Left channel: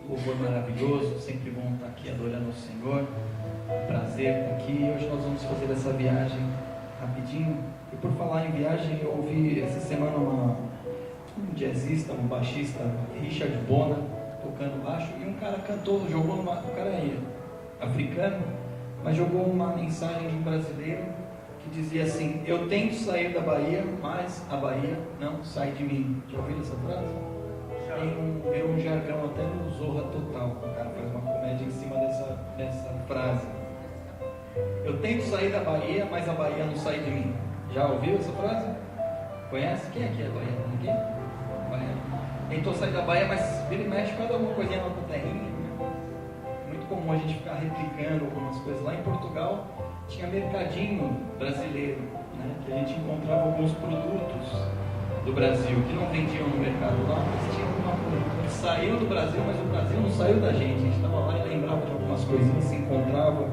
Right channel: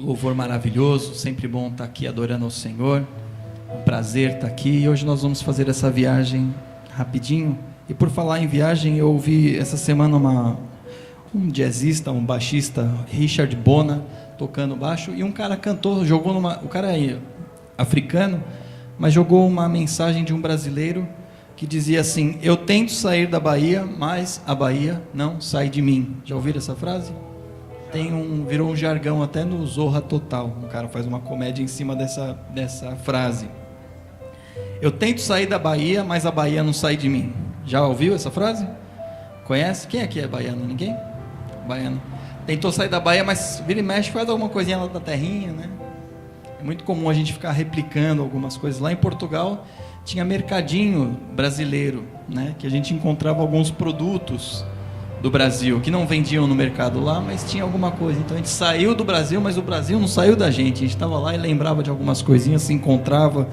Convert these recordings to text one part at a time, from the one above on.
Louvor maravilhoso, sempre bom estar aqui adorando ao Senhor. Prazer estar aqui. E hoje nós vamos fazer essa viagem rapidinho. E por falar em viagem, eu ouvi essa semana um jazzista, um baixista, Richard Bona, tocando baixo, e um cara cantou, o cara aí, africano, mas jogou uma mensagem de um brasileiro que dizia assim: eu tento sair da Bahia, mas a Bahia não sai de mim. Já ouviram essa frase? Virou um jargão até no Zorra Total. O cara faz uma comédia em cima dessa frase. Eu tento sair da Bahia, mas a Bahia não sai de mim. Já ouviu essa frase? Conhece? Quem aqui é baiano? Ninguém? Baiano. Tentou sair da Bahia, mas vira e mexe, faz alguma coisinha lá da terrinha, né? É muito comum a gente ficar replicando algumas coisas. Lá em Portugal tinha mercadinho brasileiro, né? Que a gente encontrava alguns produtos do Brasil, que não vendiam no mercado lá, mas tinha alguma coisa. Então a gente saiu do Brasil, mas o Brasil não saiu da gente. A gente estava lá e lembrava de algumas coisinhas, se encontrava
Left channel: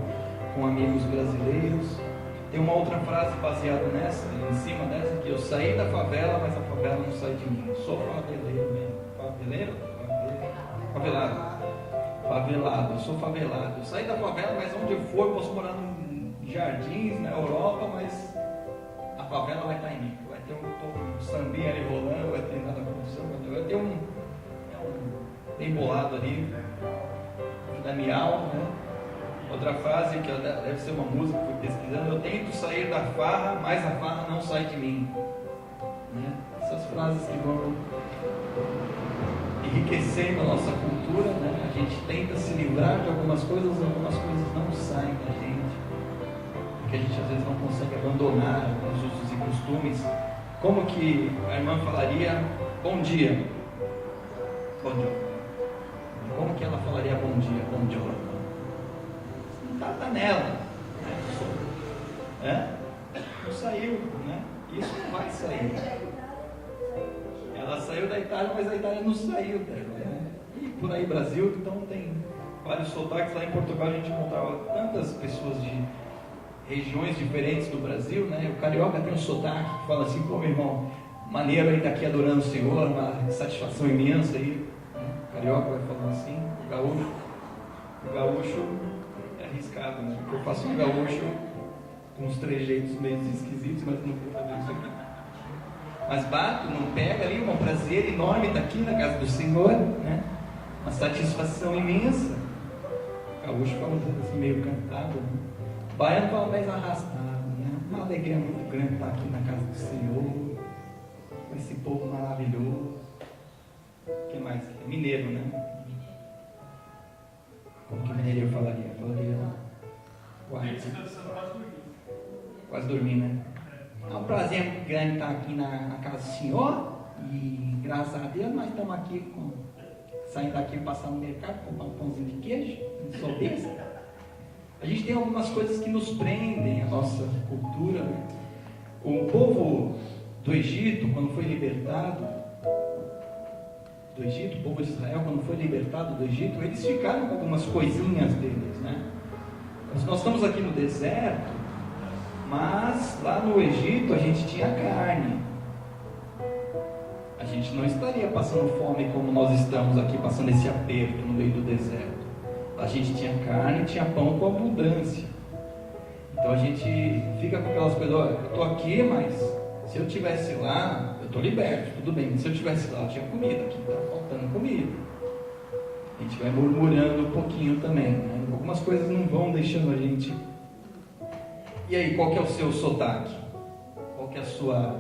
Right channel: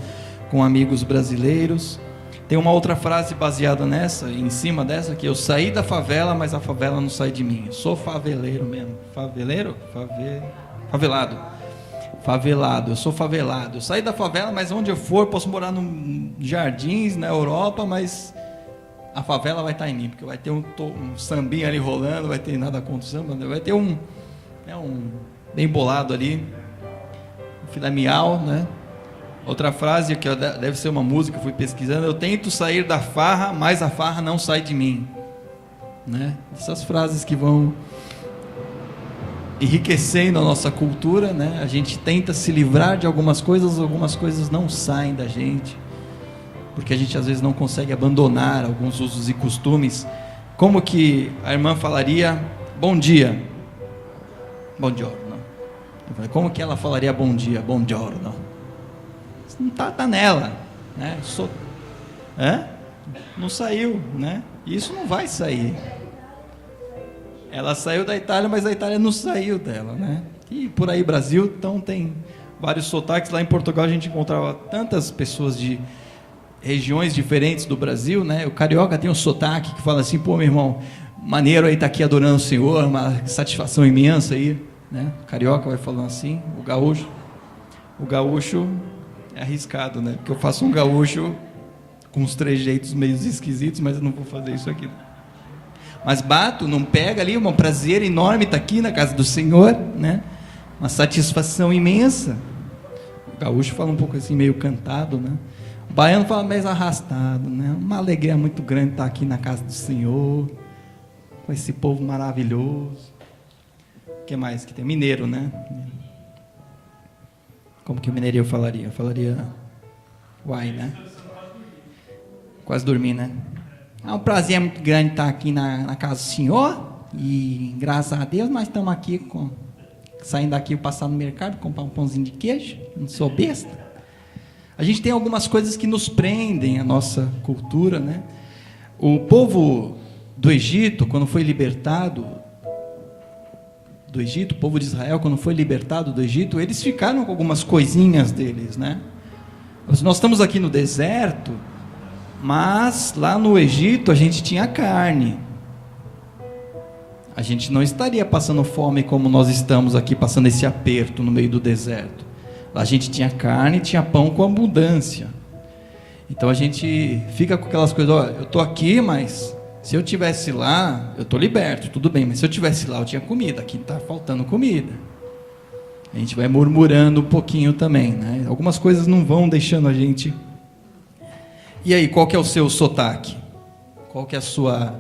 com amigos brasileiros. Tem uma outra frase baseada nessa, em cima dessa, que eu saí da favela, mas a favela não sai de mim. Eu sou faveleiro mesmo. Faveleiro? Favelado. Favelado, eu sou favelado. Eu saí da favela, mas onde eu for, posso morar em jardins, na Europa, mas a favela vai estar em mim, porque vai ter um sambinha ali rolando, vai ter nada acontecendo, vai ter um bem bolado ali, filé miau, né? Outra frase que deve ser uma música, fui pesquisando: eu tento sair da farra, mas a farra não sai de mim, né? Essas frases que vão enriquecendo a nossa cultura, né? A gente tenta se livrar de algumas coisas não saem da gente, porque a gente às vezes não consegue abandonar alguns usos e costumes. Como que a irmã falaria bom dia? Bom dia. Como que ela falaria bom dia? Bom giorno. Não tá nela, né? Não saiu, né? Isso não vai sair. Ela saiu da Itália, mas a Itália não saiu dela, né? E por aí Brasil, então tem vários sotaques. Lá em Portugal a gente encontrava tantas pessoas de regiões diferentes do Brasil, né? O carioca tem um sotaque que fala assim: pô, meu irmão, maneiro aí estar aqui adorando o Senhor, uma satisfação imensa aí, né? O carioca vai falando assim. O gaúcho é arriscado, né? Porque eu faço um gaúcho com uns trejeitos meio esquisitos, mas eu não vou fazer isso aqui. Mas bato, não pega ali, um prazer enorme estar aqui na casa do Senhor, né? Uma satisfação imensa. O gaúcho fala um pouco assim, meio cantado, né? O baiano fala mais arrastado, né? Uma alegria muito grande estar aqui na casa do Senhor, com esse povo maravilhoso. O que mais que tem? Mineiro, né? Como que o mineiro falaria? Falaria uai, né? Quase dormi, né? É um prazer muito grande estar aqui na casa do Senhor. E graças a Deus nós estamos aqui saindo daqui, passar no mercado, comprar um pãozinho de queijo. Não sou besta. A gente tem algumas coisas que nos prendem a nossa cultura, né? O povo do Egito, quando foi libertado do Egito, o povo de Israel, quando foi libertado do Egito, eles ficaram com algumas coisinhas deles, né? Nós estamos aqui no deserto, mas lá no Egito a gente tinha carne. A gente não estaria passando fome como nós estamos aqui, passando esse aperto no meio do deserto. Lá a gente tinha carne, tinha pão com abundância. Então a gente fica com aquelas coisas: ó, eu estou aqui, mas se eu tivesse lá, eu estou liberto, tudo bem, mas se eu tivesse lá, eu tinha comida, aqui está faltando comida. A gente vai murmurando um pouquinho também, né? Algumas coisas não vão deixando a gente. E aí, qual que é o seu sotaque? Qual que é a sua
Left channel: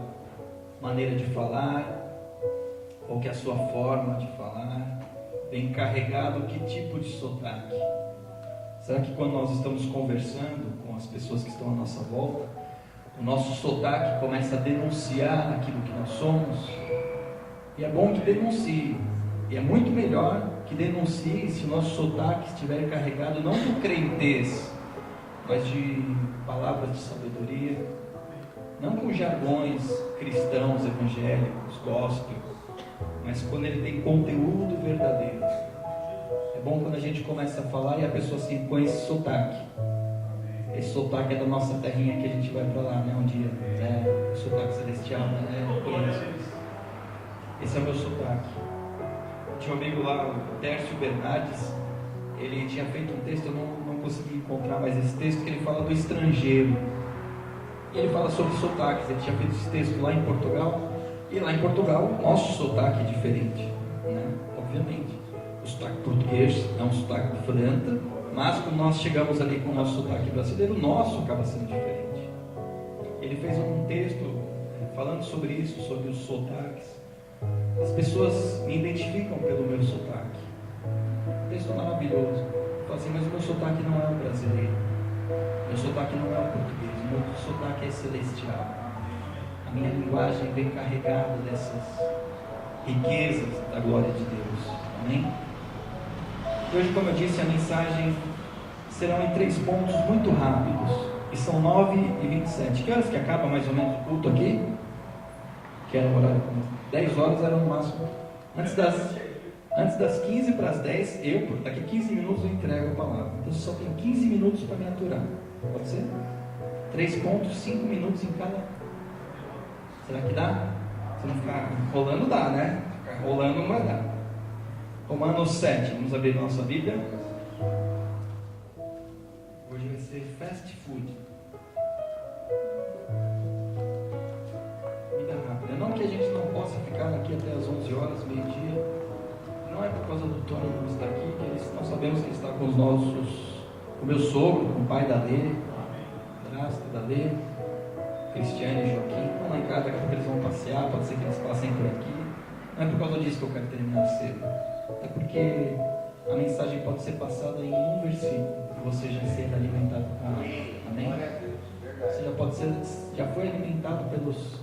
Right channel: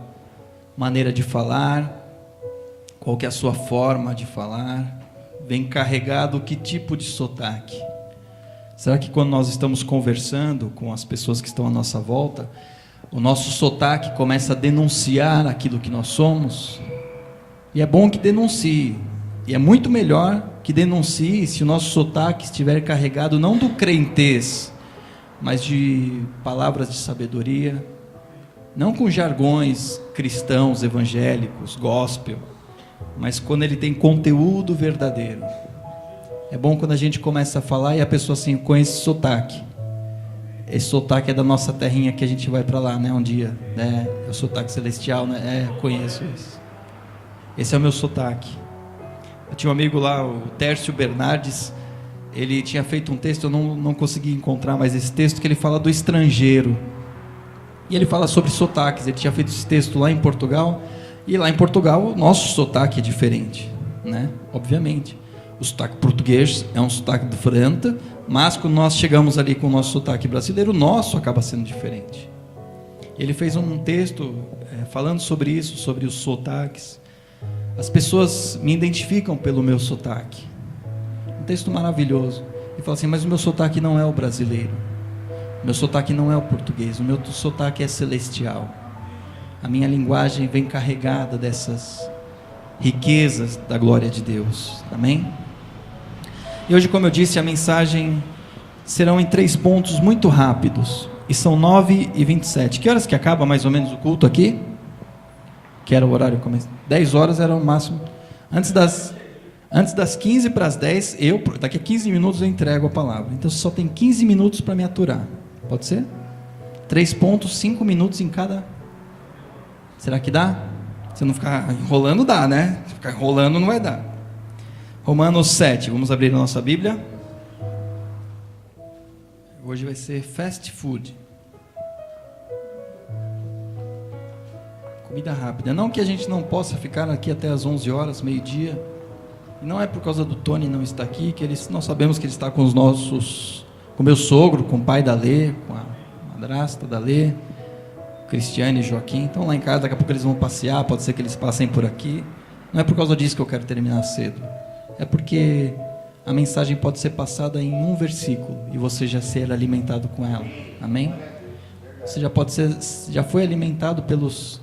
maneira de falar? Qual que é a sua forma de falar? Vem carregado que tipo de sotaque? Será que quando nós estamos conversando com as pessoas que estão à nossa volta, o nosso sotaque começa a denunciar aquilo que nós somos? E é bom que denuncie. E é muito melhor que denuncie se o nosso sotaque estiver carregado não do crentez, mas de palavras de sabedoria, não com jargões cristãos, evangélicos, gospel, mas quando ele tem conteúdo verdadeiro. É bom quando a gente começa a falar e a pessoa assim, com esse sotaque. Esse sotaque é da nossa terrinha que a gente vai para lá, né, um dia, né? O sotaque celestial, né? Conheço isso. Esse é o meu sotaque. Eu tinha um amigo lá, o Tércio Bernardes, ele tinha feito um texto, eu não consegui encontrar mais esse texto, que ele fala do estrangeiro. E ele fala sobre sotaques. Ele tinha feito esse texto lá em Portugal, e lá em Portugal o nosso sotaque é diferente, né? Obviamente. O sotaque português é um sotaque diferente, mas quando nós chegamos ali com o nosso sotaque brasileiro, o nosso acaba sendo diferente. Ele fez um texto falando sobre isso, sobre os sotaques. As pessoas me identificam pelo meu sotaque. Um texto maravilhoso. Ele fala assim, mas o meu sotaque não é o brasileiro. O meu sotaque não é o português. O meu sotaque é celestial. A minha linguagem vem carregada dessas riquezas da glória de Deus. Amém? E hoje, como eu disse, a mensagem serão em 3 pontos muito rápidos. E são 9h27. Que horas que acaba mais ou menos o culto aqui? Que era o horário começo. 10 horas era o máximo. Antes das 15 para as 10, daqui a 15 minutos eu entrego a palavra. Então você só tem 15 minutos para me aturar. Pode ser? 3 pontos, 5 minutos em cada. Será que dá? Se não ficar enrolando, dá, né? Se ficar enrolando, não vai dar. Romanos 7, vamos abrir a nossa Bíblia. Hoje vai ser fast food. Comida rápida. Não que a gente não possa ficar aqui até as 11 horas, meio-dia. Não é por causa do Tony não estar aqui, que nós sabemos que ele está com com o meu sogro, com o pai da Lê, com a madrasta da Lê, Cristiane e Joaquim. Então lá em casa, daqui a pouco eles vão passear, pode ser que eles passem por aqui. Não é por causa disso que eu quero terminar cedo. É porque a mensagem pode ser passada em um versículo e você já ser alimentado com ela. Amém? Você já foi alimentado pelas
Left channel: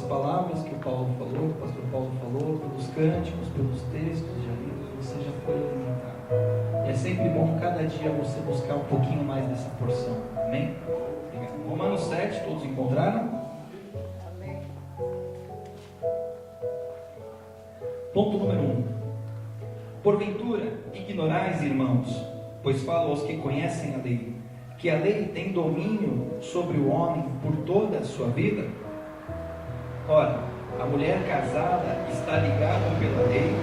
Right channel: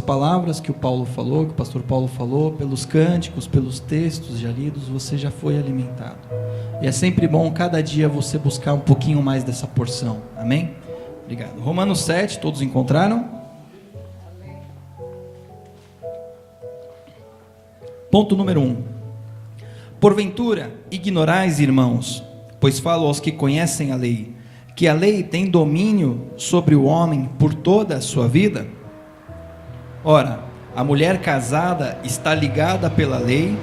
palavras que o Paulo falou, que o pastor Paulo falou, pelos cânticos, pelos textos já lidos, você já foi alimentado. E é sempre bom cada dia você buscar um pouquinho mais dessa porção. Amém? Obrigado. Romanos 7, todos encontraram? Ponto número 1. Porventura, ignorais, irmãos, pois falo aos que conhecem a lei, que a lei tem domínio sobre o homem por toda a sua vida? Ora, a mulher casada está ligada pela lei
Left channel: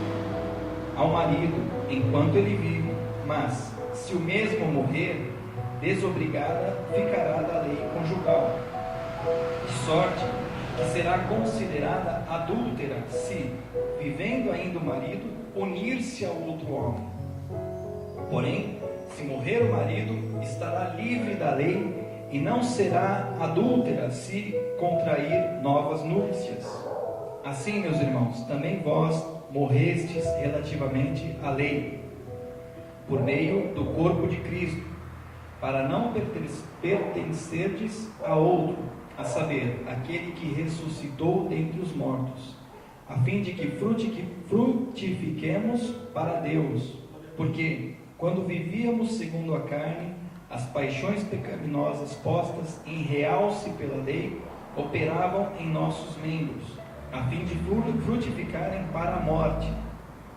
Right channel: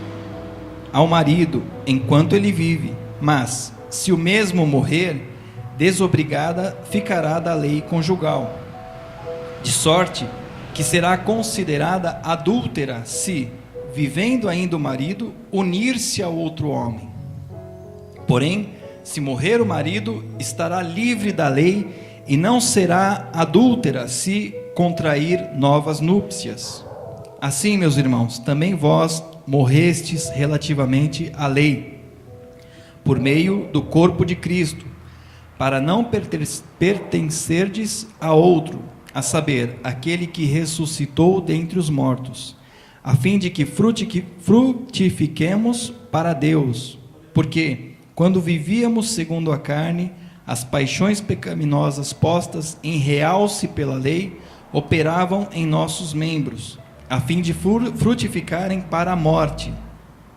ao marido enquanto ele vive, mas, se o mesmo morrer, desobrigada ficará da lei conjugal, de sorte que será considerada adúltera se, vivendo ainda o marido, unir-se a outro homem. Porém, se morrer o marido, estará livre da lei e não será adúltera se contrair novas núpcias. Assim, meus irmãos, também vós morrestes relativamente à lei, por meio do corpo de Cristo, para não pertencerdes a outro, a saber, aquele que ressuscitou dentre os mortos, a fim de que frutifiquemos para Deus, porque, quando vivíamos segundo a carne, as paixões pecaminosas postas em realce pela lei, operavam em nossos membros, a fim de frutificarem para a morte.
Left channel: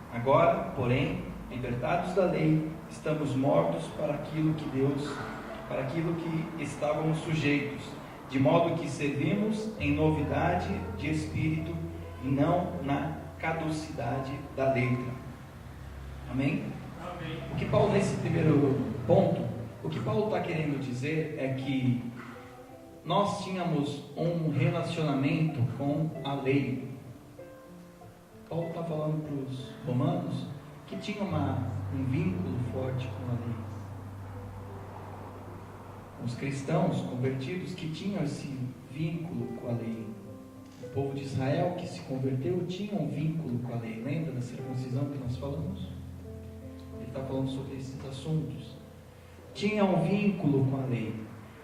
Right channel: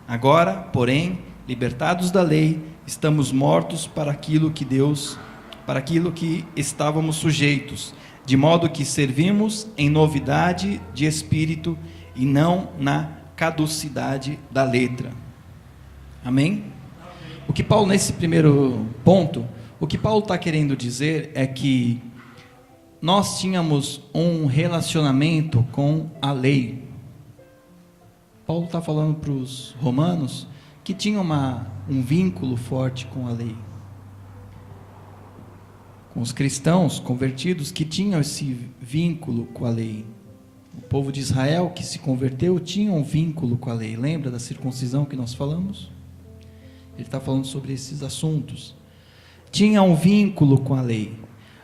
Agora, porém, libertados da lei, estamos mortos para aquilo que estávamos sujeitos, de modo que servimos em novidade de espírito e não na caducidade da letra. Amém? O que Paulo, nesse primeiro ponto, o que Paulo está querendo dizer é que nós tínhamos um relacionamento com a lei. Paulo está falando para os romanos que tinham um vínculo forte com a lei. Com os cristãos convertidos que tinham esse vínculo com a lei. O povo de Israel que se converteu tinha um vínculo com a lei. Lembra da circuncisão que nós falamos? Ele está falando sobre esses assuntos. Tinha um vínculo com a lei.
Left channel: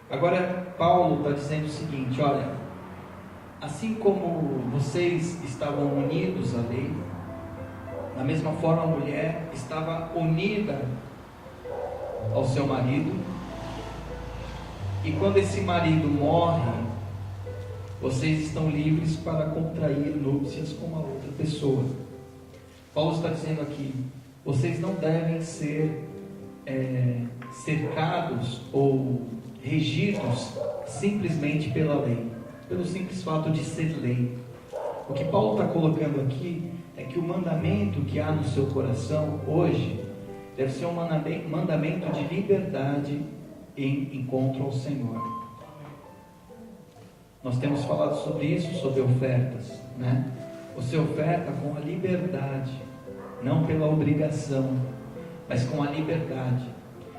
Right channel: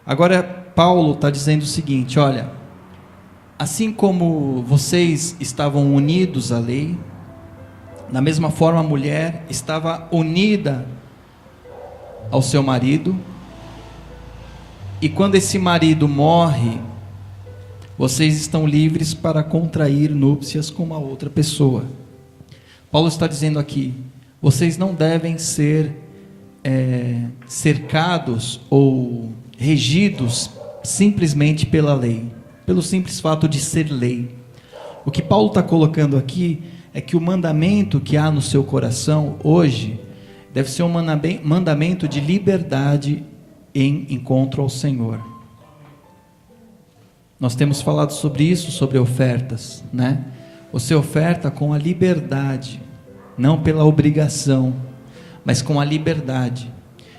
Agora Paulo está dizendo o seguinte: olha, assim como vocês estavam unidos à lei, da mesma forma a mulher estava unida ao seu marido, e quando esse marido morre, vocês estão livres para contrair núpcias com uma outra pessoa. Paulo está dizendo aqui: vocês não devem ser cercados ou regidos simplesmente pela lei, pelo simples fato de ser lei. O que Paulo está colocando aqui é que o mandamento que há no seu coração hoje deve ser um mandamento de liberdade em encontro ao Senhor. Nós temos falado sobre isso, sobre ofertas, né? Você oferta com a liberdade, não pela obrigação, mas com a liberdade.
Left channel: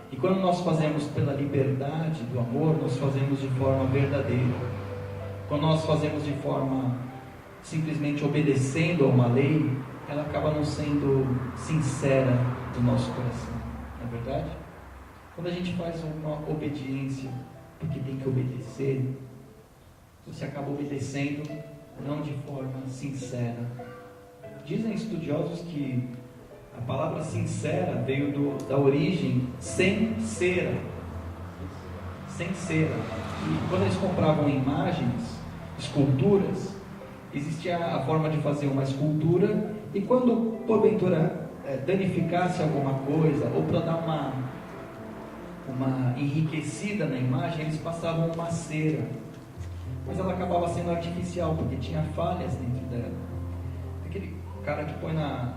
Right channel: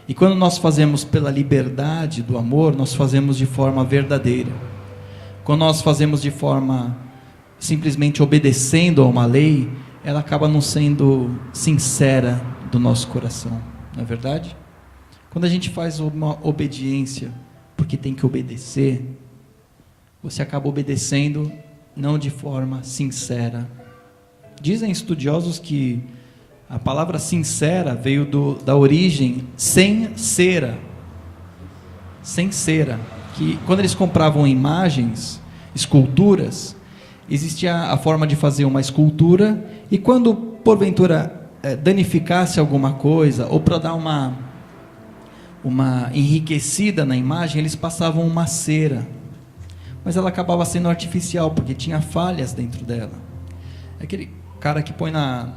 E quando nós fazemos pela liberdade do amor, nós fazemos de forma verdadeira. Quando nós fazemos de forma simplesmente obedecendo a uma lei, ela acaba não sendo sincera do nosso coração, não é verdade? Quando a gente faz uma obediência porque tem que obedecer, você acaba obedecendo não de forma sincera. Dizem estudiosos que a palavra sincera veio da origem sem cera, que quando eles compravam imagens, esculturas, existia a forma de fazer uma escultura, e quando porventura danificasse alguma coisa, ou para dar uma enriquecida na imagem, eles passavam uma cera, mas ela acabava sendo artificial, porque tinha falhas dentro dela. Aquele cara que põe na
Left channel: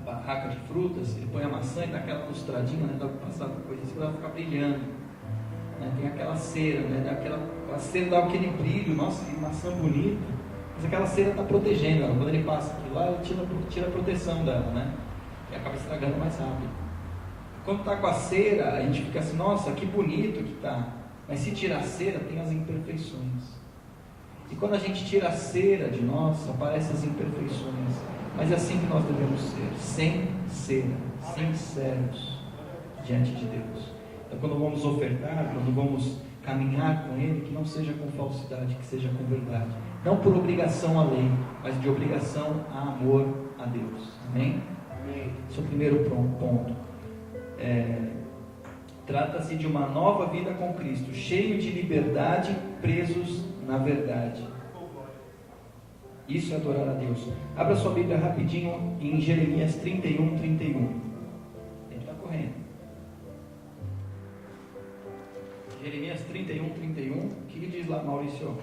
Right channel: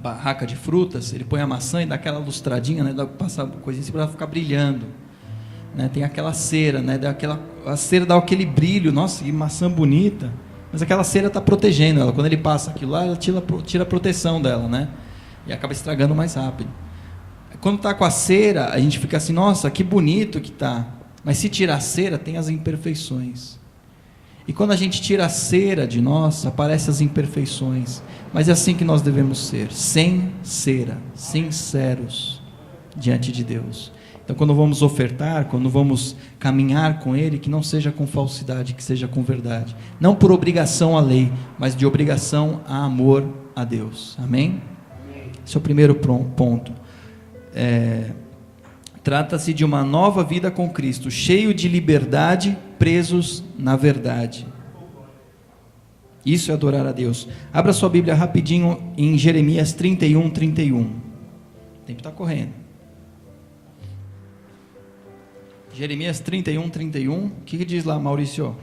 barraca de frutas, ele põe a maçã e dá aquela lustradinha, né, dá passar coisa assim para ela ficar brilhando, né? Tem aquela cera, né, a cera dá aquele brilho, nossa, que maçã bonita, mas aquela cera está protegendo ela. Quando ele passa aquilo lá, ela tira a proteção dela, né, e acaba estragando mais rápido. Quando está com a cera, a gente fica assim, nossa, que bonito que está, mas se tirar a cera, tem as imperfeições. E quando a gente tira a cera de nós, aparecem as imperfeições. Mas é assim que nós devemos ser, sem cera, sinceros diante de Deus. Então, quando vamos ofertar, quando vamos caminhar com Ele, que não seja com falsidade, que seja com verdade. Não por obrigação à lei, mas de obrigação a amor a Deus. Amém? Esse é o primeiro ponto. Trata-se de uma nova vida com Cristo, cheio de liberdade, presos na verdade. Isso é adorar a Deus. Abra sua Bíblia rapidinho em Jeremias 31, 31. O tempo está correndo. Jeremias 31, 31. O que diz lá, Maurício?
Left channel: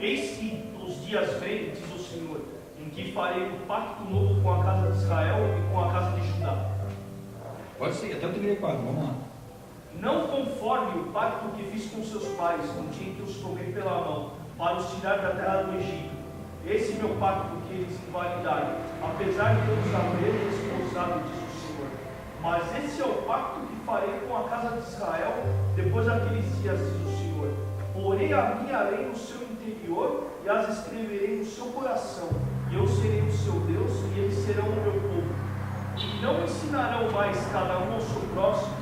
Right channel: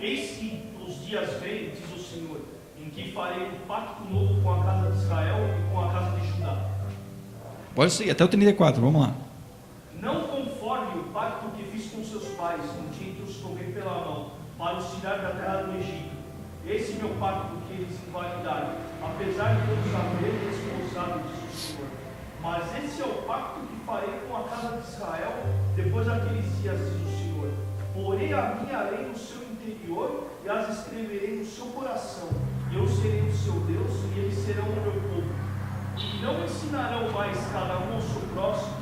Eis que os dias vêm, diz o Senhor, em que farei um pacto novo com a casa de Israel e com a casa de Judá. Pode seguir, até o 34, vamos lá. Não conforme o pacto que fiz com seus pais, no dia em que os tomei pela mão, para os tirar da terra do Egito. Esse meu pacto que eles invalidaram, apesar de eu os haver desposado, diz o Senhor. Mas esse é o pacto que farei com a casa de Israel, depois daqueles dias, diz o Senhor. Porei a minha lei no seu interior, e as escreverei no seu coração. E eu serei o seu Deus, e eles serão o meu povo. E não ensinarão mais cada um ao seu próximo,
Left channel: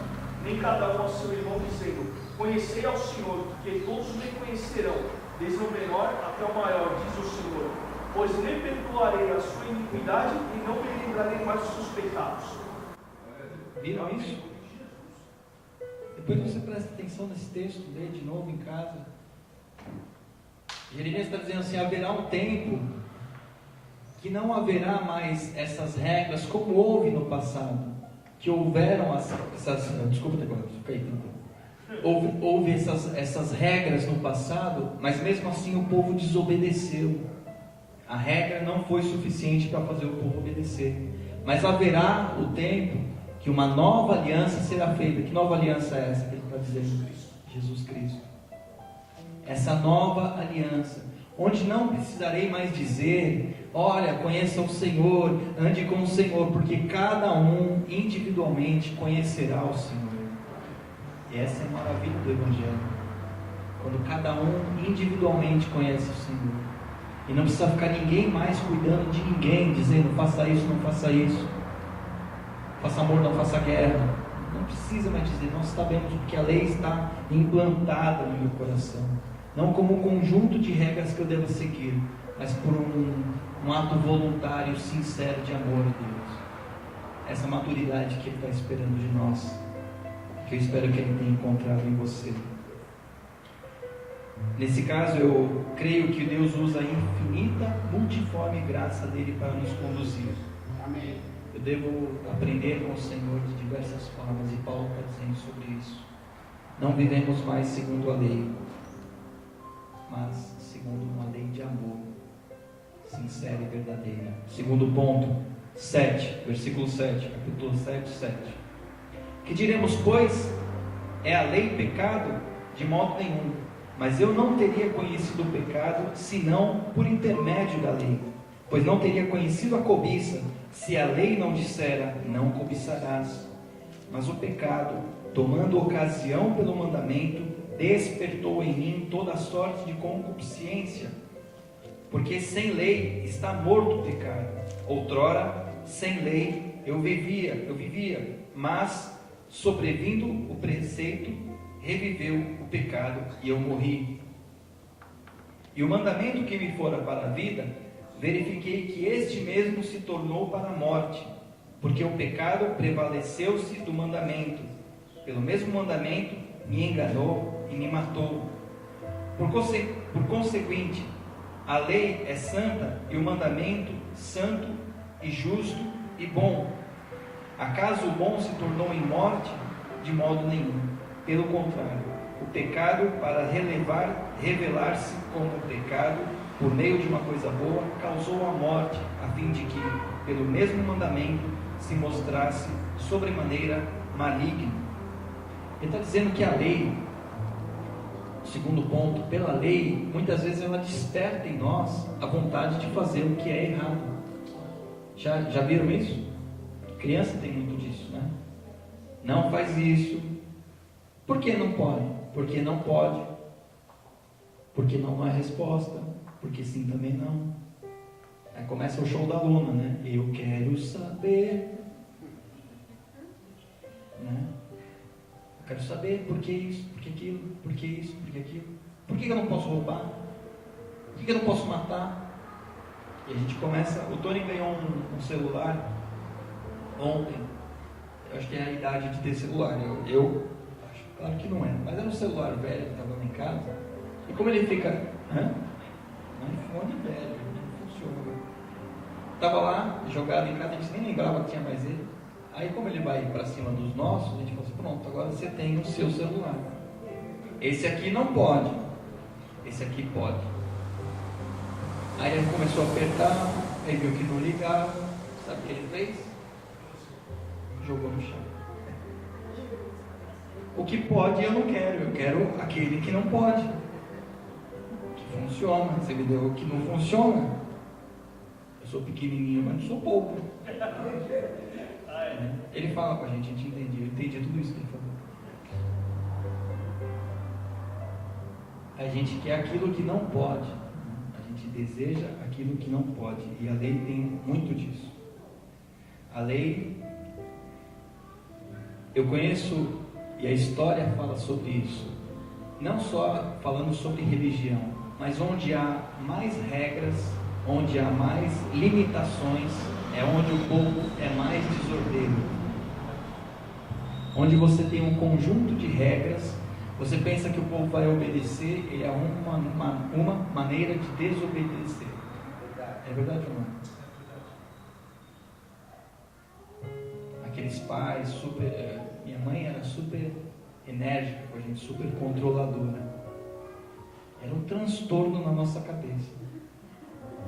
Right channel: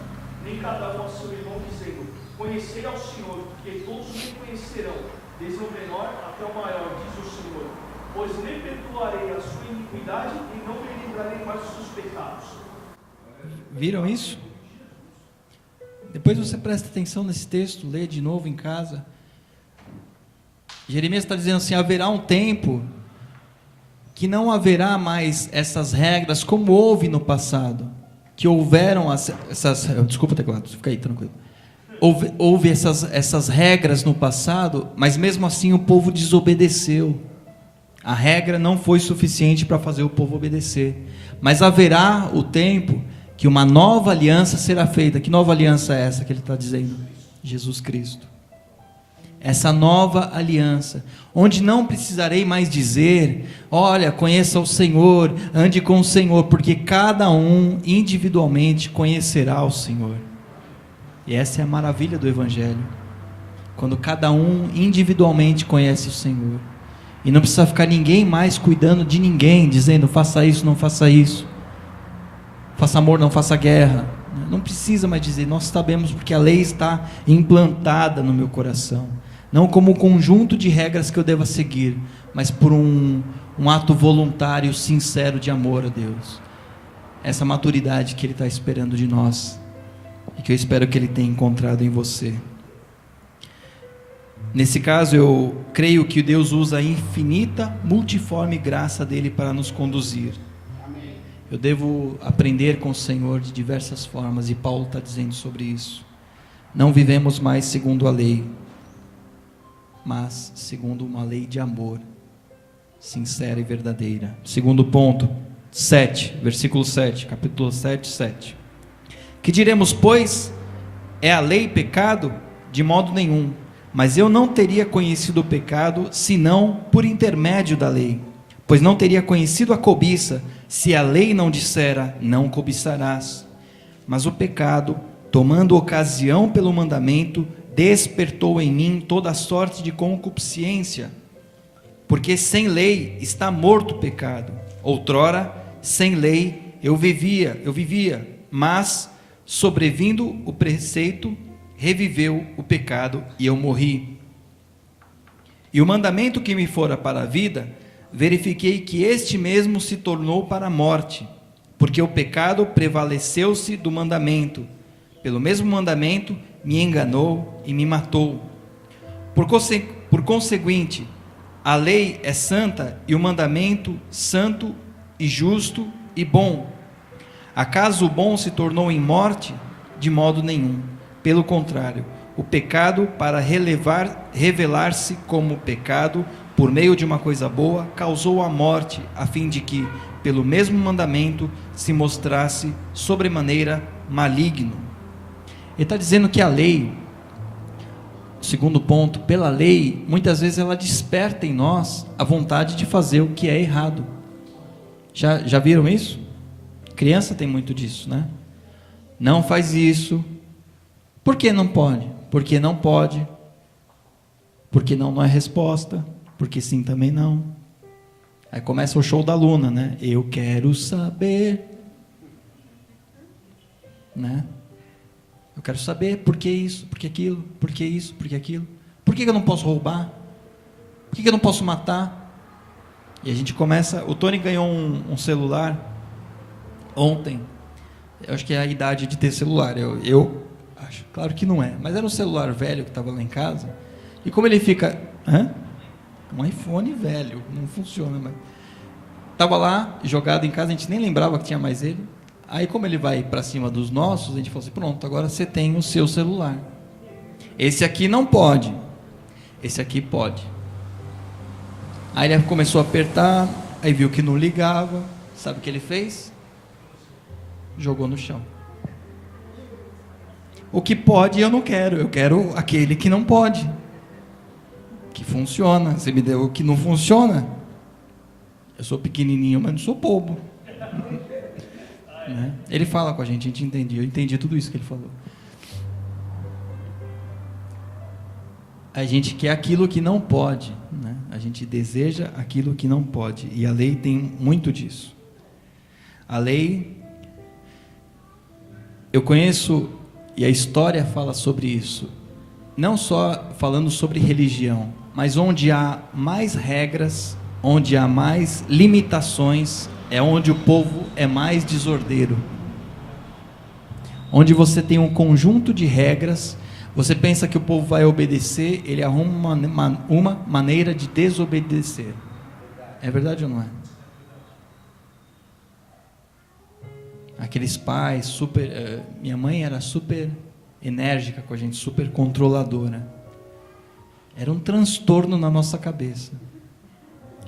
nem cada um ao seu irmão, dizendo: conhecei ao Senhor, porque todos me conhecerão, desde o menor até o maior, diz o Senhor. Pois nem perdoarei a sua iniquidade e não me lembrarei mais dos seus pecados. Viram isso? Depois você presta atenção nesse texto, lê de novo em casa. Jeremias está dizendo assim: haverá um tempo que não haverá mais essas regras como houve no passado, que houveram essas desculpa, teclado, fica aí tranquilo. Houve essas regras no passado, mas mesmo assim o povo desobedeceu. A regra não foi suficiente para fazer o povo obedecer. Mas haverá o tempo que uma nova aliança será feita. Que nova aliança é essa que ele está dizendo? Jesus Cristo. Essa nova aliança, onde não precisarei mais dizer: olha, conheça o Senhor, ande com o Senhor, porque cada um individualmente conhecerá o Senhor. E essa é a maravilha do Evangelho, quando cada um individualmente conhece o Senhor, e não precisa ficar ninguém mais cuidando de ninguém, dizendo: faça isso, não faça isso, faça amor, não faça guerra. Não precisa mais dizer, nós sabemos, porque a lei está implantada no meu coração, não como um conjunto de regras que eu deva seguir, mas por um ato voluntário, sincero de amor a Deus. Essa maturidade que Ele está esperando de nós, e que eu espero que Ele tenha encontrado em você. Nesse caso, eu creio que Deus usa a infinita, multiforme graça dEle para nos conduzir. Amém. Eu devo aprender com o Senhor de diversas formas, e Paulo está dizendo sobre isso. Não vivemos mais segundo a lei, mas segundo uma lei de amor. sincera e verdadeira. Segundo ponto, 7, versículo 7, capítulo 7, 7. Que diremos, pois? É a lei pecado? De modo nenhum. Mas eu não teria conhecido o pecado, senão por intermédio da lei. Pois não teria conhecido a cobiça, se a lei não dissera, não cobiçarás. Mas o pecado, tomando ocasião pelo mandamento, despertou em mim toda sorte de concupiscência. Porque sem lei está morto o pecado. Outrora, sem lei eu vivia, mas sobrevindo o preceito, reviveu o pecado e eu morri. E o mandamento que me fora para a vida, verifiquei que este mesmo se tornou para a morte, porque o pecado prevaleceu-se do mandamento. Pelo mesmo mandamento me enganou e me matou. Por conseguinte, a lei é santa e o mandamento santo e justo e bom. Acaso o bom se tornou em morte? De modo nenhum. Pelo contrário, o pecado, para revelar-se como pecado, por meio de uma coisa boa, causou a morte, a fim de que, pelo mesmo mandamento, se mostrasse sobremaneira maligno. Ele está dizendo que a lei, segundo ponto, pela lei, muitas vezes ela desperta em nós a vontade de fazer o que é errado. Já viram isso? Criança tem muito disso, né? Não faz isso. Por que não pode? Porque não pode. Porque não é resposta. Porque sim também não. Aí começa o show da Luna, né? Eu quero saber, né? Eu quero saber por que isso, por que aquilo, por que isso, por que aquilo. Por que eu não posso roubar? Por que eu não posso matar? E a gente começa... O Tony ganhou um celular ontem. Eu acho que é a idade de ter celular. Eu acho, claro que não é. Mas era um celular velho que estava lá em casa. E como ele fica... Um iPhone velho, não funciona. Estava lá, jogado em casa, a gente nem lembrava que tinha mais ele. Aí como ele vai para cima dos nossos, a gente falou assim, pronto, agora você tem o seu celular. Esse aqui não pode. Esse aqui pode. Aí ele começou a apertar, aí viu que não ligava. Sabe o que ele fez? Jogou no chão. O que pode eu não quero, eu quero aquele que não pode, que funciona. Você me deu o que não funciona. Eu sou pequenininho, mas não sou bobo. Né? Ele fala com a gente entende, eu entendi tudo isso que ele falou. A gente quer aquilo que não pode, né? A gente deseja aquilo que não pode, e a lei tem muito disso. A lei, eu conheço, e a história fala sobre isso, não só falando sobre religião, mas onde há mais regras, onde há mais limitações, é onde o povo é mais desordeiro. Onde você tem um conjunto de regras, você pensa que o povo vai obedecer, ele arruma uma maneira de desobedecer. É verdade ou não é? Aqueles pais super... minha mãe era super enérgica com a gente, super controladora. Era um transtorno na nossa cabeça.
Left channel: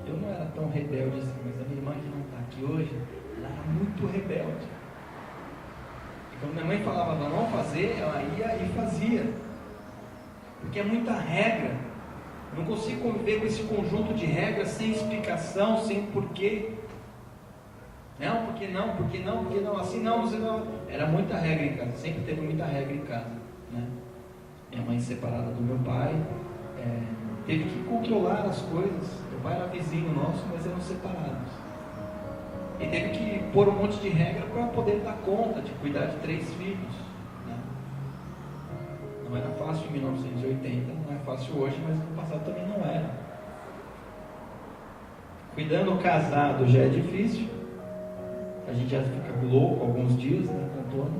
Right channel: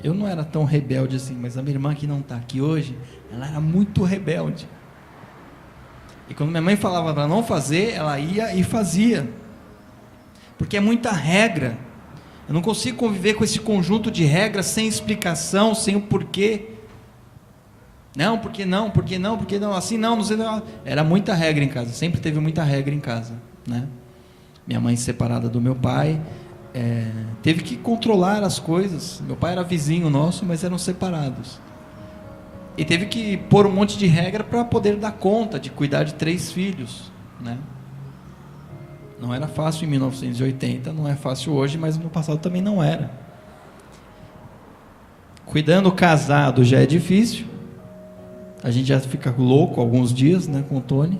Eu não era tão rebelde assim, mas a minha irmã que não está aqui hoje, ela era muito rebelde. E quando minha mãe falava para não fazer, ela ia e fazia. Porque é muita regra. Eu não consigo conviver com esse conjunto de regras sem explicação, sem o porquê. Não, porque não, porque não, porque não, assim não, não sei não. Era muita regra em casa, sempre teve muita regra em casa, né? Minha mãe separada do meu pai, teve que controlar as coisas. Meu pai era vizinho nosso, mas eram separados. E teve que pôr um monte de regra para poder dar conta de cuidar de 3 filhos, né? Não era fácil em 1980, não é fácil hoje, mas no passado também não era. Cuidando casado já é difícil. A gente já fica louco alguns dias, né, com o Tony.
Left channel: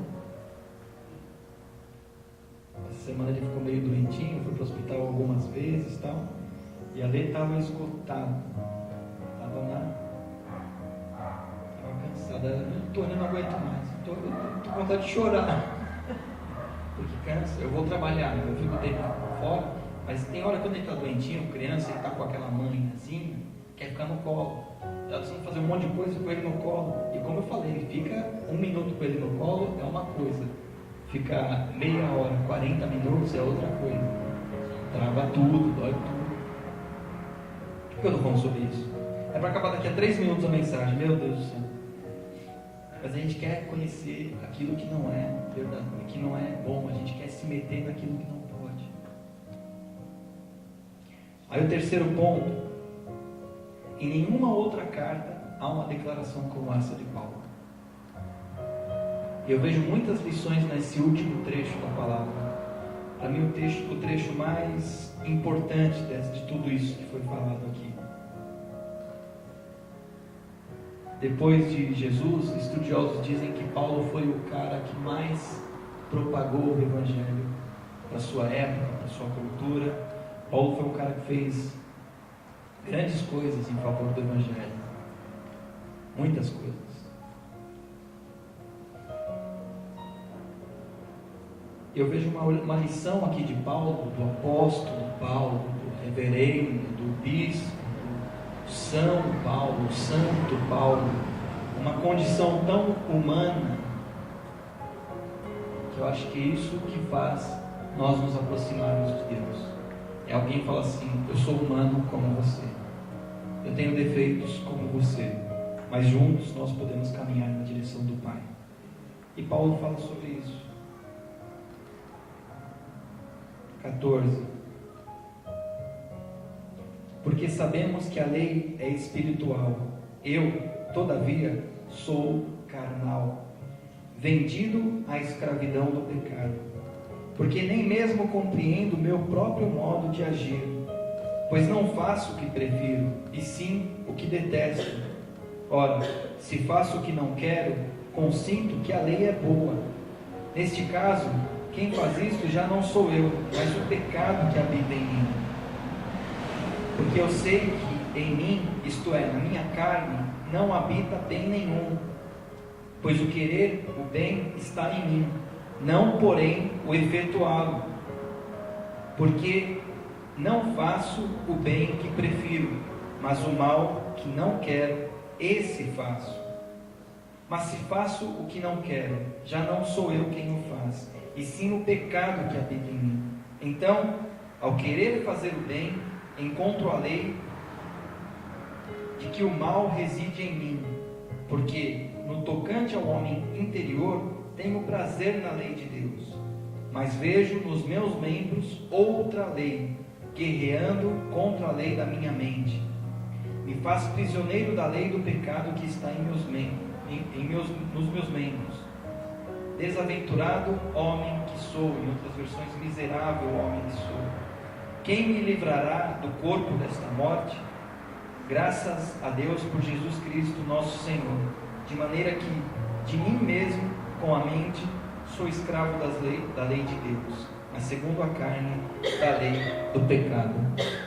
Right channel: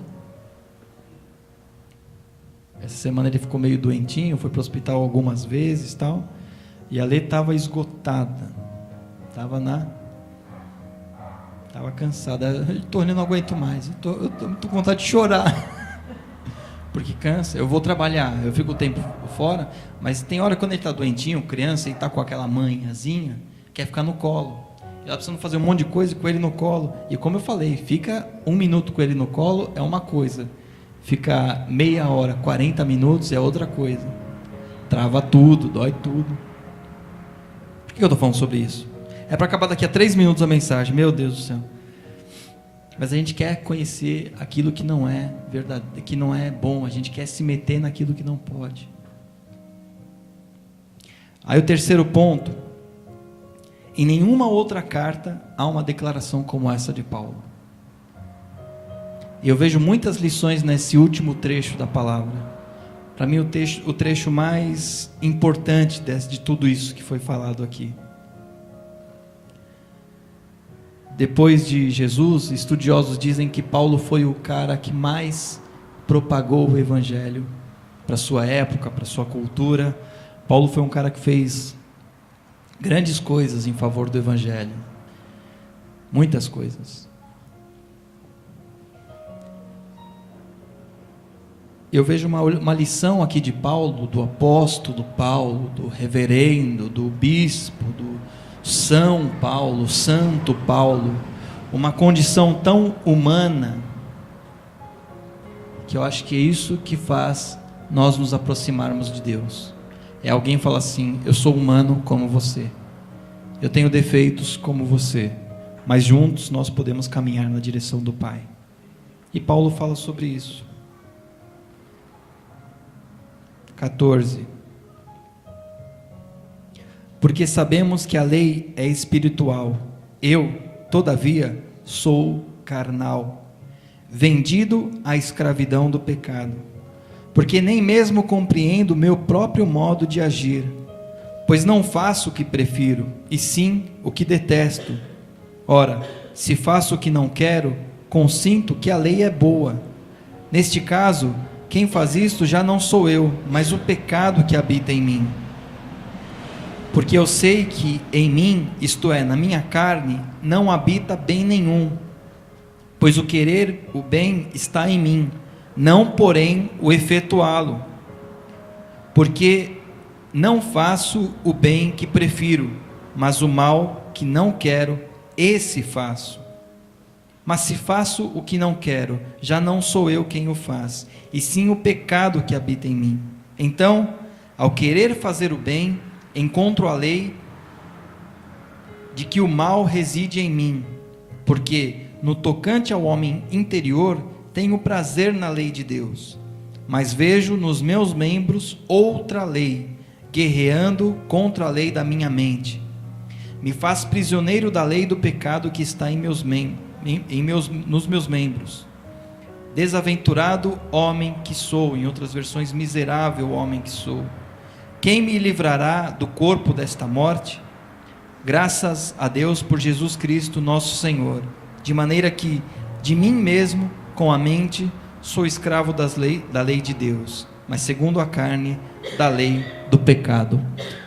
Essa semana ele ficou meio doentinho, foi para o hospital algumas vezes, tal. E a Lê estava esgotada, estava cansada. O Tony, não aguento mais, eu tô com vontade de chorar. Porque cansa. Eu vou trabalhar, eu fico o tempo fora, mas tem hora quando ele está doentinho, criança, e está com aquela manhãzinha, quer ficar no colo. Ela precisa fazer um monte de coisa com ele no colo. E como eu falei, fica 1 minuto com ele no colo é uma coisa. Ficar meia hora, 40 minutos é outra coisa. Trava tudo, dói tudo. Por que eu estou falando sobre isso? É para acabar daqui a 3 minutos a mensagem. Meu Deus do céu. Mas a gente quer conhecer aquilo que não é verdade, que não é bom. A gente quer se meter naquilo que não pode. Aí o terceiro ponto. Em nenhuma outra carta há uma declaração como essa de Paulo. E eu vejo muitas lições nesse último trecho da palavra. Para mim o trecho mais importante de tudo isso que foi falado aqui. Depois de Jesus, estudiosos dizem que Paulo foi o cara que mais propagou o evangelho para sua época, para sua cultura. Paulo foi um cara que fez grandes coisas em favor do evangelho. Muitas coisas. Eu vejo uma lição aqui de Paulo, do apóstolo Paulo, do reverendo, do bispo, do São Paulo, Santo Paulo, uma condição tão humana, que eu acho que é isso que faz nós nos aproximarmos de Deus. É alguém falar assim: eu sou humano como você, eu tenho defeitos como você, mas juntos nós podemos caminhar na direção do Pai. E Paulo fala sobre isso. 14. Porque sabemos que a lei é espiritual, eu, todavia, sou carnal, vendido à escravidão do pecado, porque nem mesmo compreendo o meu próprio modo de agir, pois não faço o que prefiro, e sim o que detesto. Ora, se faço o que não quero, consinto que a lei é boa. Neste caso, quem faz isto já não sou eu, mas o pecado que habita em mim. Porque eu sei que em mim, isto é, na minha carne, não habita bem nenhum, pois o querer o bem está em mim, não porém o efetuá-lo. Porque não faço o bem que prefiro, mas o mal que não quero, esse faço. Mas se faço o que não quero, já não sou eu quem o faz, e sim o pecado que habita em mim. Então, ao querer fazer o bem, encontro a lei de que o mal reside em mim, porque no tocante ao homem interior, tenho prazer na lei de Deus, mas vejo nos meus membros outra lei, guerreando contra a lei da minha mente. Me faz prisioneiro da lei do pecado que está nos meus membros. Desaventurado homem que sou, em outras versões, miserável homem que sou. Quem me livrará do corpo desta morte? Graças a Deus por Jesus Cristo nosso Senhor, de maneira que de mim mesmo, com a mente, sou escravo da lei de Deus, mas segundo a carne, da lei do pecado.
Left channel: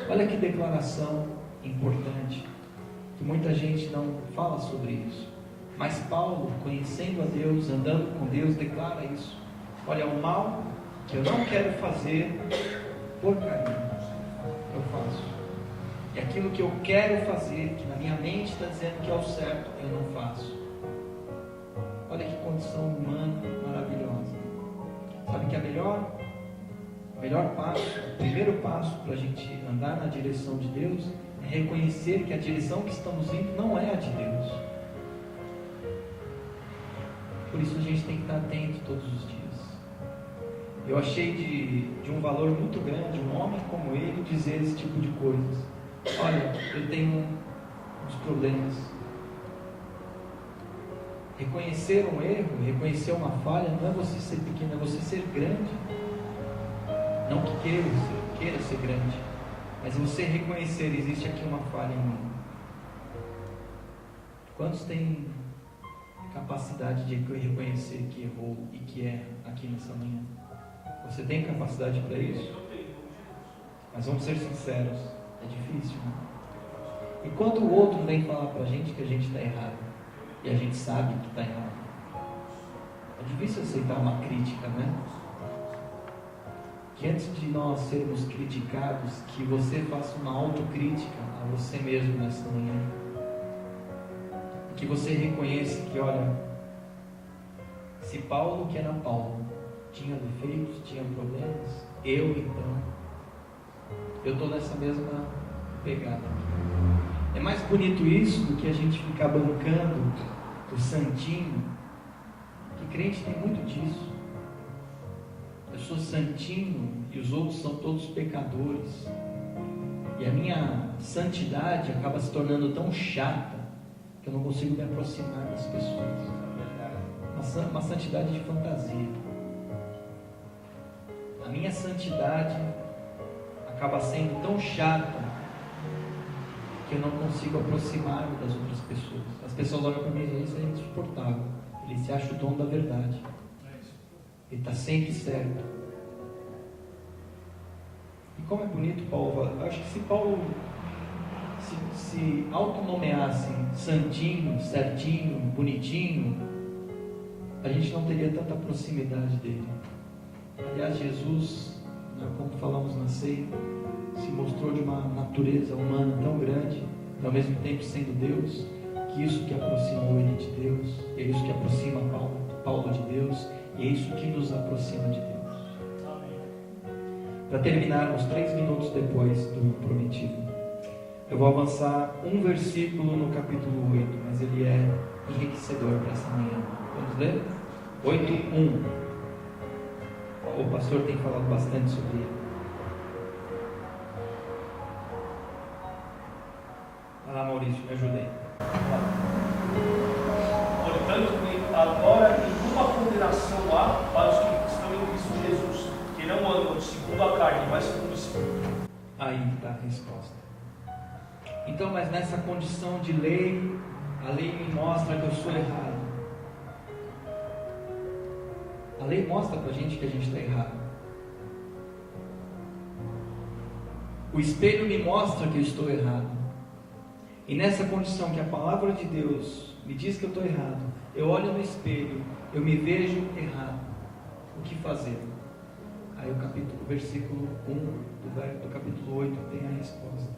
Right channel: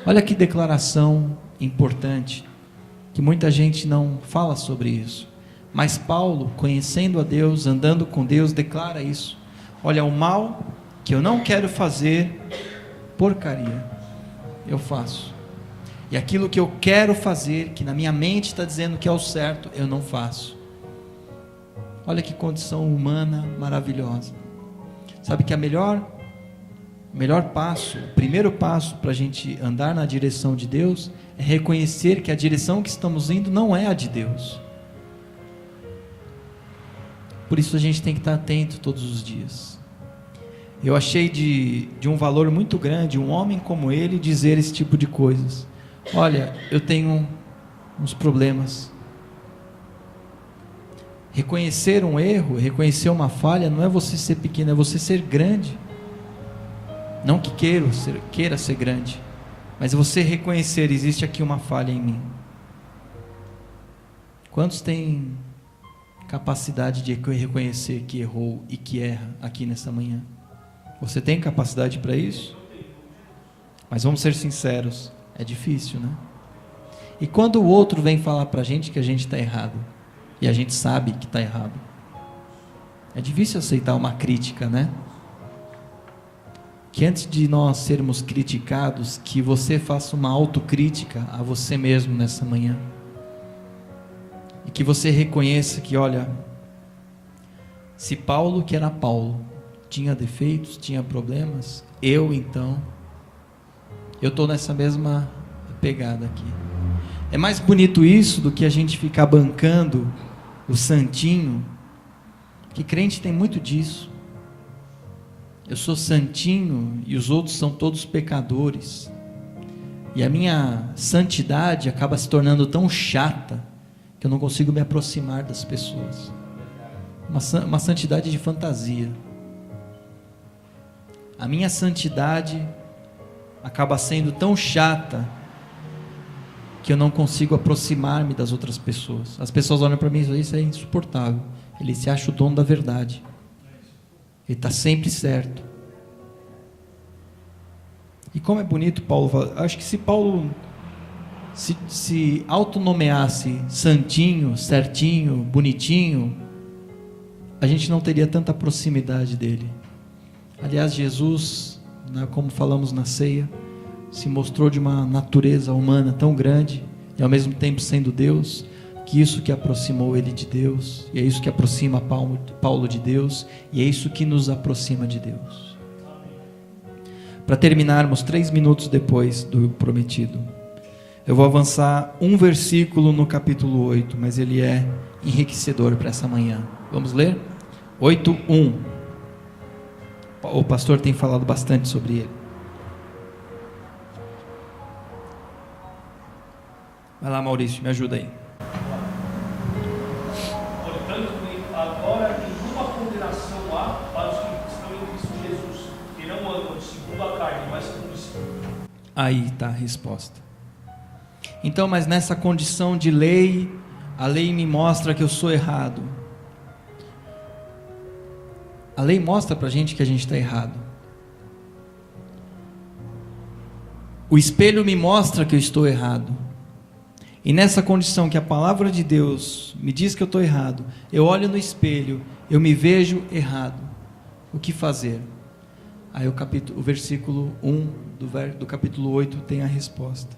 Olha que declaração importante, que muita gente não fala sobre isso. Mas Paulo, conhecendo a Deus, andando com Deus, declara isso. Olha, o mal que eu não quero fazer, porcaria, eu faço. E aquilo que eu quero fazer, que na minha mente está dizendo que é o certo, eu não faço. Olha que condição humana maravilhosa. Sabe que o melhor passo, o primeiro passo para a gente andar na direção de Deus, é reconhecer que a direção que estamos indo não é a de Deus. Por isso a gente tem que estar atento todos os dias. Eu achei de um valor muito grande um homem como ele dizer esse tipo de coisas. Olha, eu tenho uns problemas. Reconhecer um erro, reconhecer uma falha, não é você ser pequeno, é você ser grande. Não que queira ser grande, mas você reconhecer, existe aqui uma falha em mim. Quantos têm capacidade de reconhecer que errou e que erra aqui nessa manhã? Você tem capacidade para isso? Mas vamos ser sinceros, é difícil, né? E quando o outro vem falar para a gente que a gente está errado, e a gente sabe que está errado, é difícil aceitar uma crítica, né? que antes de nós sermos criticados, que você faça uma autocrítica a você mesmo nessa manhã. E que você reconheça que, olha, se Paulo, que era Paulo, tinha defeitos, tinha problemas, eu estou nessa mesma pegada aqui. É mais bonito isso do que a gente ficar bancando o santinho, que crente tem muito disso. Eu sou santinho e os outros são todos pecadores. E a minha santidade acaba se tornando tão chata que eu não consigo me aproximar das pessoas. Uma santidade de fantasia. A minha santidade acaba sendo tão chata que eu não consigo aproximar-me das outras pessoas. As pessoas olham para mim e dizem: isso é insuportável. Ele se acha o dono da verdade. Ele está sempre certo. E como é bonito Paulo falar. Acho que se Paulo se autonomeasse santinho, certinho, bonitinho, a gente não teria tanta proximidade dele. Aliás, Jesus, como falamos na ceia, se mostrou de uma natureza humana tão grande e ao mesmo tempo sendo Deus, que isso que aproximou ele de Deus, e é isso que aproxima Paulo de Deus, e é isso que nos aproxima de Deus. Para terminarmos 3 minutos depois do prometido, eu vou avançar um versículo no capítulo 8, mas ele é enriquecedor para essa manhã. Vamos ler? 8:1. O pastor tem falado bastante sobre ele. Vai lá, Maurício, me ajuda aí. Portanto, agora nenhuma condenação há para os que estão em Cristo Jesus, que não andam segundo a carne, mas segundo o Espírito. Aí está a resposta. Então, mas nessa condição de lei, a lei me mostra que eu sou errado. A lei mostra para a gente que a gente está errado. O espelho me mostra que eu estou errado. E nessa condição que a palavra de Deus me diz que eu estou errado, eu olho no espelho, eu me vejo errado. O que fazer? Aí o versículo 1 do capítulo 8 tem a resposta.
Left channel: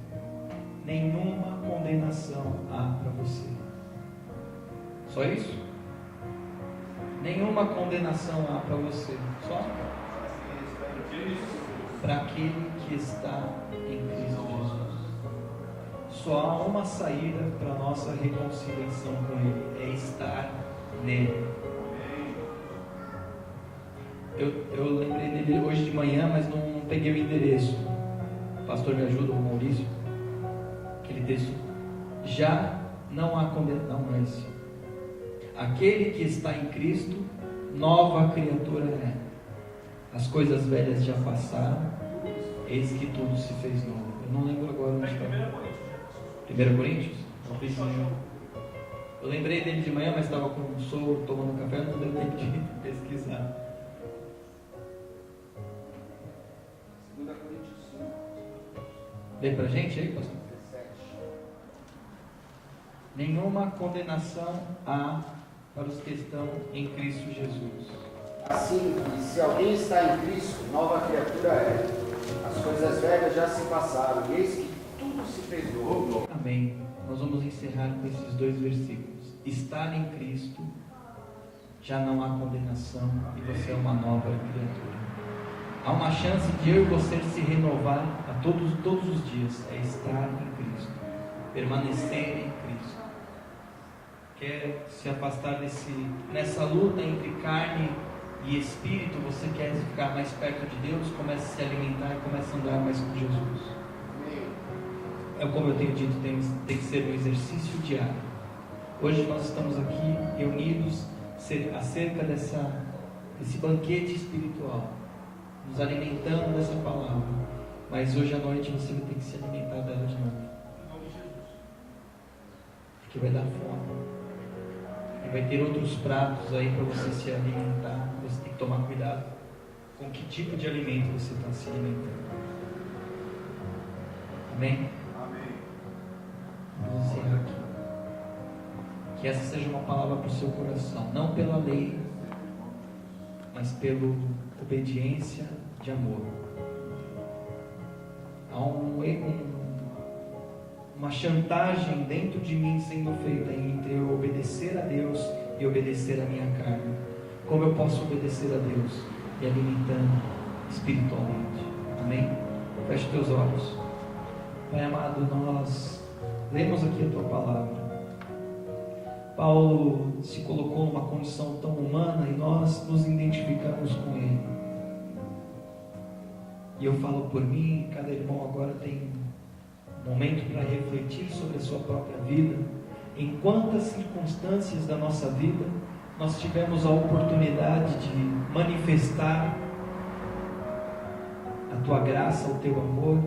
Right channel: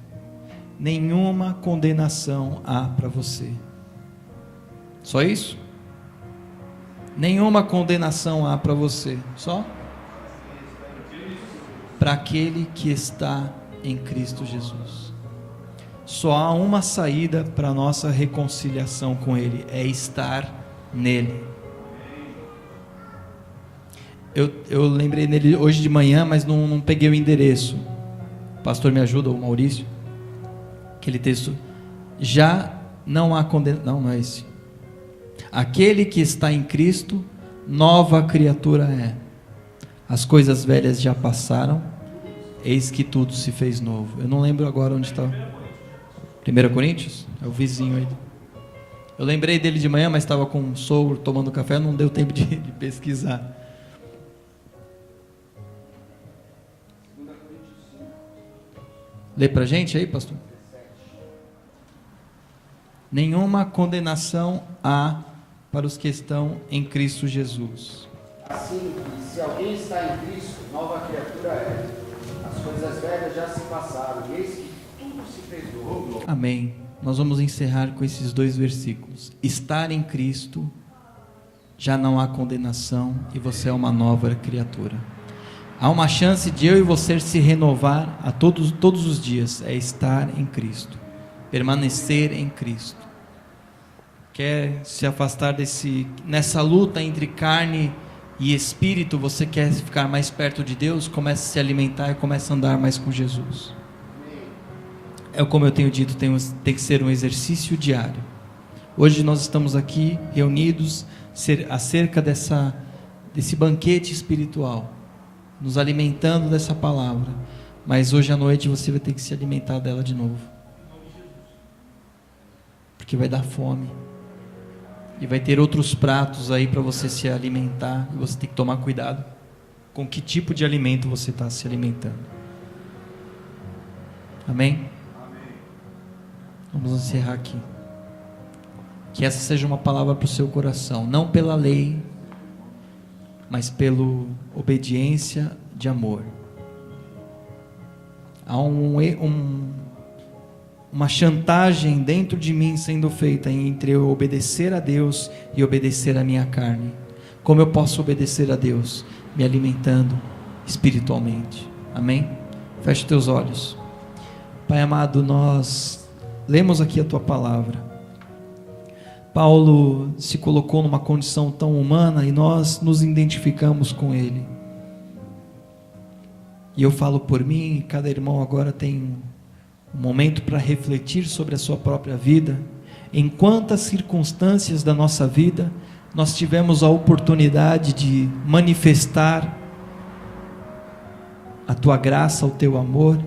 Nenhuma condenação há para você. Só isso? Nenhuma condenação há para você. Só? Para aquele que está em Cristo Jesus. Só há uma saída para a nossa reconciliação com Ele, é estar nele. Eu lembrei dele hoje de manhã, mas não peguei o endereço. O pastor me ajuda, o Maurício. Aquele texto. Já não há condenação. Não é esse. Aquele que está em Cristo, nova criatura é. As coisas velhas já passaram, eis que tudo se fez novo. Eu não lembro agora onde está. 1 Coríntios? É o vizinho aí. Eu lembrei dele de manhã, mas estava com o sogro tomando café, não deu tempo de pesquisar. 2 Coríntios 5. Lê pra gente aí, pastor. Nenhuma condenação há para os que estão em Cristo Jesus. Assim, se alguém está em Cristo, nova criatura é. As coisas velhas já se passaram, e eis que tudo se fez novo. Amém. Nós vamos encerrar com esses 2 versículos. Estar em Cristo, já não há condenação e você é uma nova criatura. Há uma chance de eu e você se renovar a todos os dias. É estar em Cristo, permanecer em Cristo. Quer se afastar nessa luta entre carne e espírito? Você quer ficar mais perto de Deus? Comece a se alimentar e comece a andar mais com Jesus. É como eu tenho dito, tem que ser um exercício diário. Hoje nós estamos aqui reunidos acerca desse banquete espiritual, nos alimentando dessa palavra. Mas hoje à noite você vai ter que se alimentar dela de novo, porque vai dar fome e vai ter outros pratos aí para você se alimentar. E você tem que tomar cuidado com que tipo de alimento você está se alimentando. Amém? Vamos encerrar aqui. Que essa seja uma palavra para o seu coração, não pela lei, mas pela obediência de amor. há uma chantagem dentro de mim sendo feita entre eu obedecer a Deus e obedecer a minha carne. Como eu posso obedecer a Deus? Me alimentando espiritualmente. Amém? Feche teus olhos. Pai amado, nós lemos aqui a tua palavra. Paulo se colocou numa condição tão humana e nós nos identificamos com ele. E eu falo por mim, cada irmão agora tem um momento para refletir sobre a sua própria vida. Em quantas circunstâncias da nossa vida nós tivemos a oportunidade de manifestar a tua graça, o teu amor,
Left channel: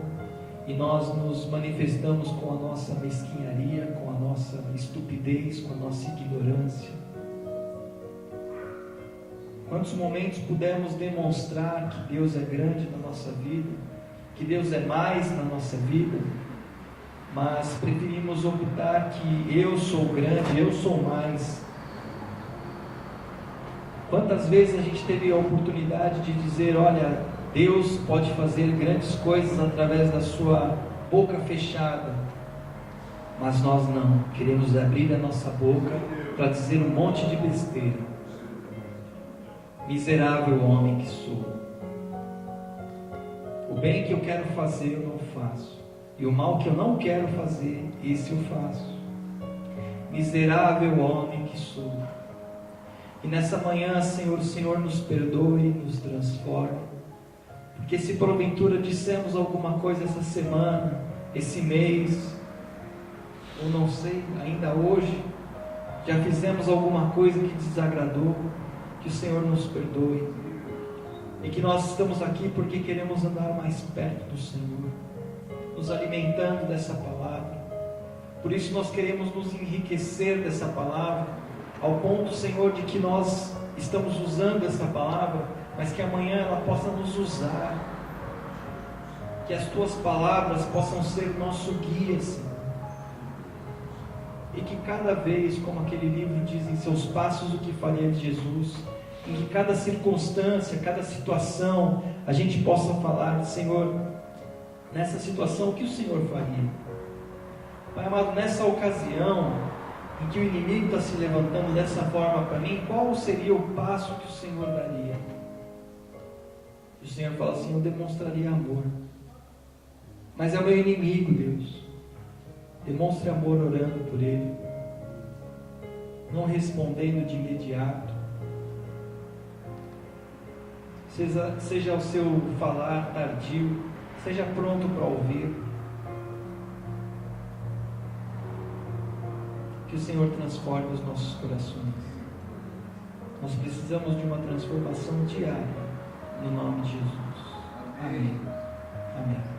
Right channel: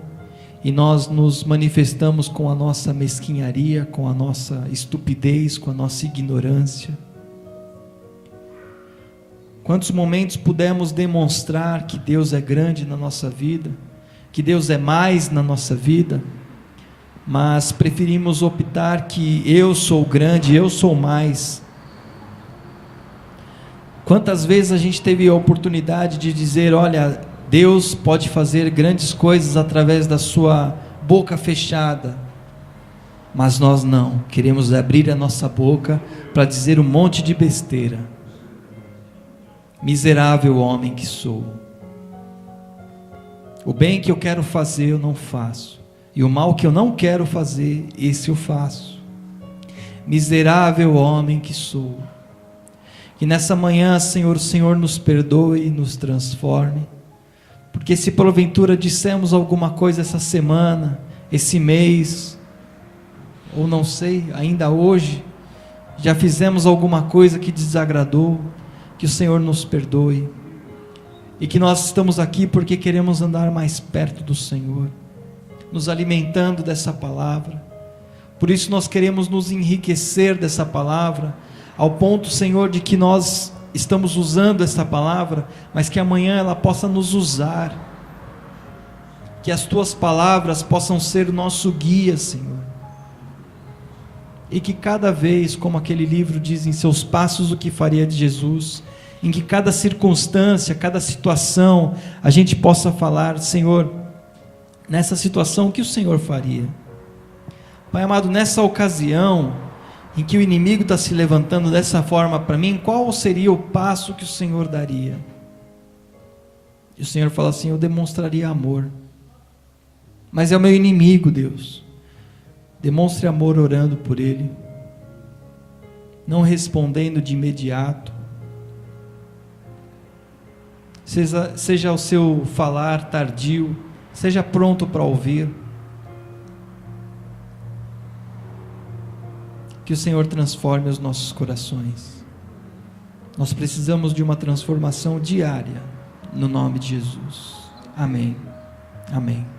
e nós nos manifestamos com a nossa mesquinharia, com a nossa estupidez, com a nossa ignorância. Quantos momentos pudemos demonstrar que Deus é grande na nossa vida, que Deus é mais na nossa vida, mas preferimos optar que eu sou grande, eu sou mais. Quantas vezes a gente teve a oportunidade de dizer, olha, Deus pode fazer grandes coisas através da sua boca fechada, mas nós não, queremos abrir a nossa boca para dizer um monte de besteira. Miserável homem que sou, o bem que eu quero fazer eu não faço, e o mal que eu não quero fazer, esse eu faço. Miserável homem que sou. Que nessa manhã, Senhor, o Senhor nos perdoe e nos transforme, porque se porventura dissemos alguma coisa essa semana, esse mês, ou não sei, ainda hoje, já fizemos alguma coisa que desagradou, que o Senhor nos perdoe, e que nós estamos aqui porque queremos andar mais perto do Senhor, nos alimentando dessa palavra. Por isso nós queremos nos enriquecer dessa palavra, ao ponto, Senhor, de que nós estamos usando essa palavra, mas que amanhã ela possa nos usar, que as tuas palavras possam ser o nosso guia, Senhor, e que cada vez, como aquele livro diz, em seus passos o que faria de Jesus, em que cada circunstância, cada situação, a gente possa falar, Senhor, nessa situação o que o Senhor faria? Pai amado, nessa ocasião em que o inimigo está se levantando dessa forma para mim, qual seria o passo que o Senhor daria? E o Senhor fala assim, eu demonstraria amor, mas é o meu inimigo, Deus. Demonstre amor orando por ele, não respondendo de imediato. Seja o seu falar tardio, seja pronto para ouvir. Que o Senhor transforme os nossos corações. Nós precisamos de uma transformação diária, no nome de Jesus. Amém. Amém.